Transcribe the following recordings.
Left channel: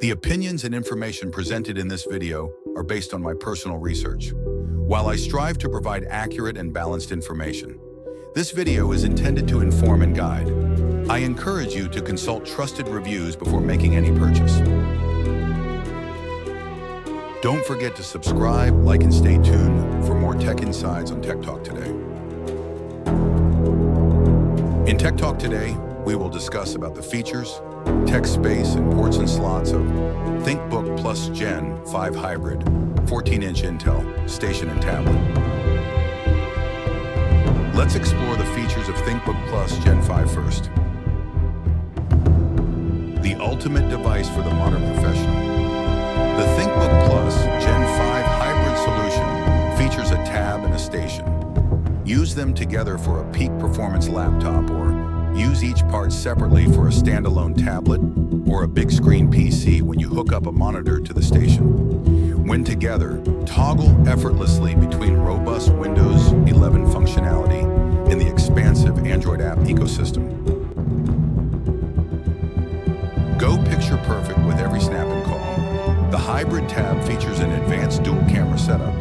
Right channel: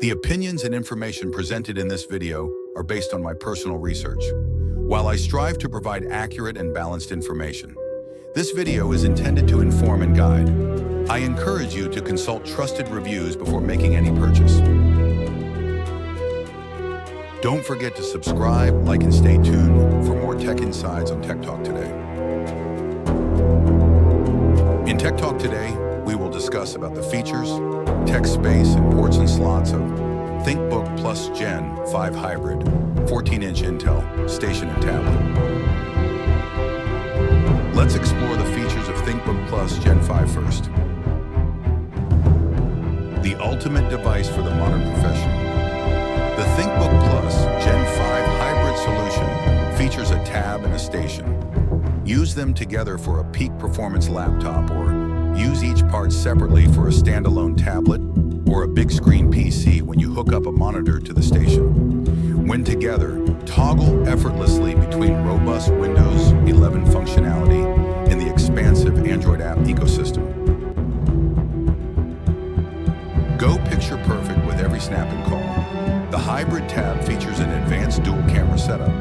The opinions and information presented in this video are based on my personal research. While I strive to provide accurate and balanced information, this video is intended to inform and guide. I encourage you to consult trusted reviews before making any purchase. Don't forget to subscribe, like, and stay tuned for more tech insights on Tech Talk Today. In Tech Talk Today, we will discuss about the features, tech space, and ports and slots of Thinkbook Plus Gen 5 Hybrid, 14-inch Intel, station and tablet. Let's explore the features of Thinkbook Plus Gen 5 first. The ultimate device for the modern professional. The Thinkbook Plus Gen 5 Hybrid solution features a tab and a station. Use them together for a peak performance laptop, or use each part separately for a standalone tablet or a big screen PC when you hook up a monitor to the station. When together, toggle effortlessly between robust Windows 11 functionality and the expansive Android app ecosystem. Go picture perfect with every snap and call. The hybrid tab features an advanced dual camera setup.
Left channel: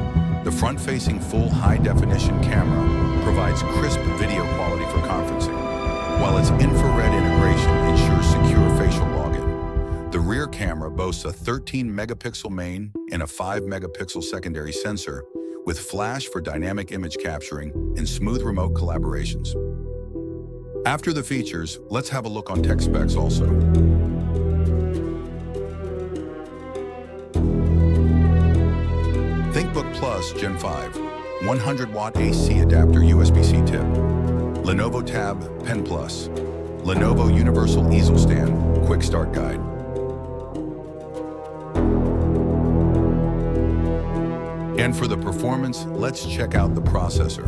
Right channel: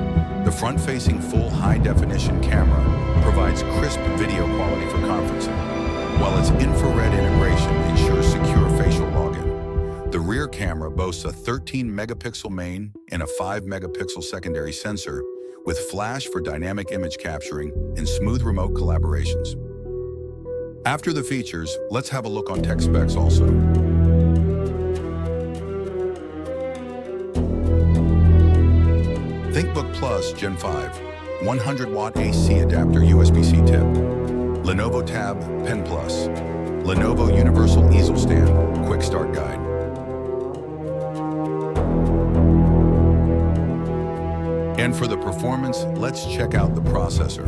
The front-facing full high-definition camera provides crisp video quality for conferencing, while its infrared integration ensures secure facial login. The rear camera boasts a 13-megapixel main and a 5-megapixel secondary sensor, with flash for dynamic image capturing and smooth remote collaborations. After the features, let's have a look on tech specs also. Thinkbook Plus Gen 5, 100-watt AC adapter USB-C tip. Lenovo Tab Pen Plus. Lenovo Universal Easel Stand Quick Start Guide. And for the performance, let's check out the processor.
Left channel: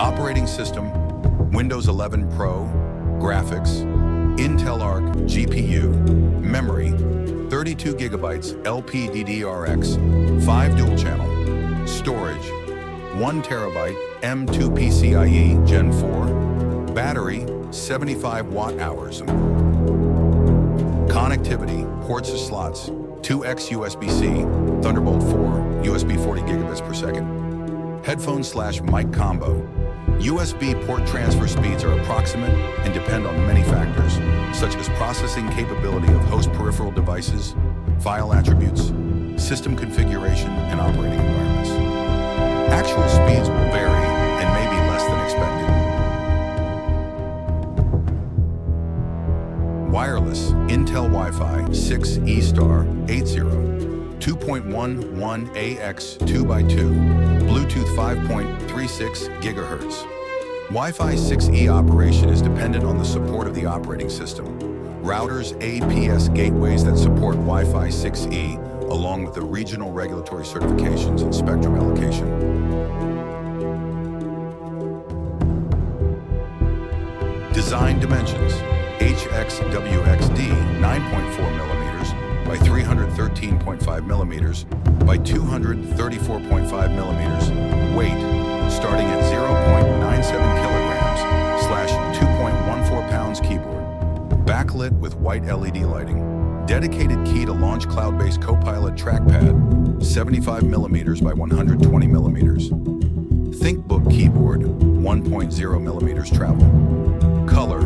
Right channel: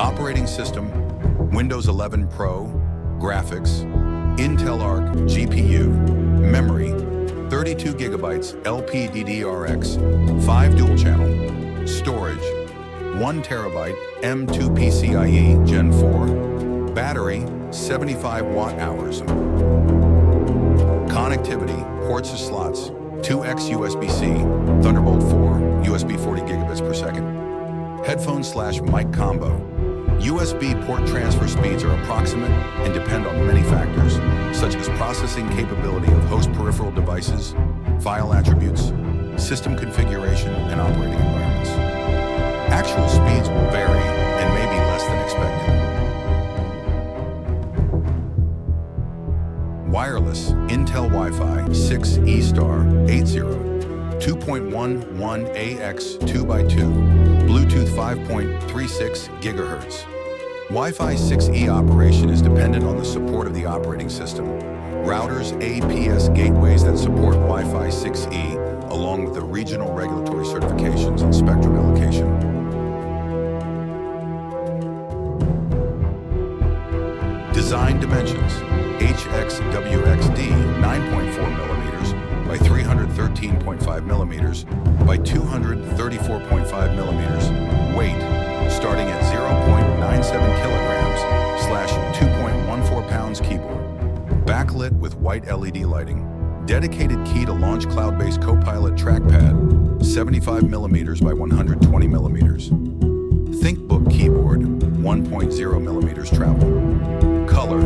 Operating system, Windows 11 Pro, graphics, Intel Arc GPU, memory, 32 gigabytes LPDDR4X, 5 dual channel, storage, 1 terabyte M2 PCIe Gen 4, battery, 75 watt hours. Connectivity, ports or slots, 2x USB-C, Thunderbolt 4, USB 40 gigabits per second. Headphone/mic combo. USB port transfer speeds are approximate and depend on many factors, such as processing capability of host peripheral devices, file attributes, system configuration, and operating environments. Actual speeds will vary and may be less than expected. Wireless, Intel Wi-Fi 6 E-Star 80, 2.11 AX 2x2, Bluetooth 5.36 GHz. Wi-Fi 6E operation is dependent on the support of the operating system. Routers, APS gateways that support Wi-Fi 6E, along with the regional regulatory certifications and spectrum allocation. Design dimensions: HXWXD 9.4 millimeters by 313.5 millimeters by 234.5 millimeters. Weight starting at 0.97 kilograms / 2.14 pounds. Keyboard backlit with white LED lighting. Dedicated key to launch cloud-based Copilot trackpad 75 millimeters by 120 millimeters. Thinkbook keyboard 1.0 millimeters travel. Color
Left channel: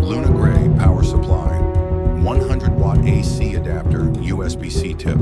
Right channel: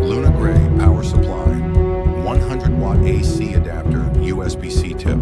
Luna Gray. Power supply 100-watt AC adapter USB-C tip.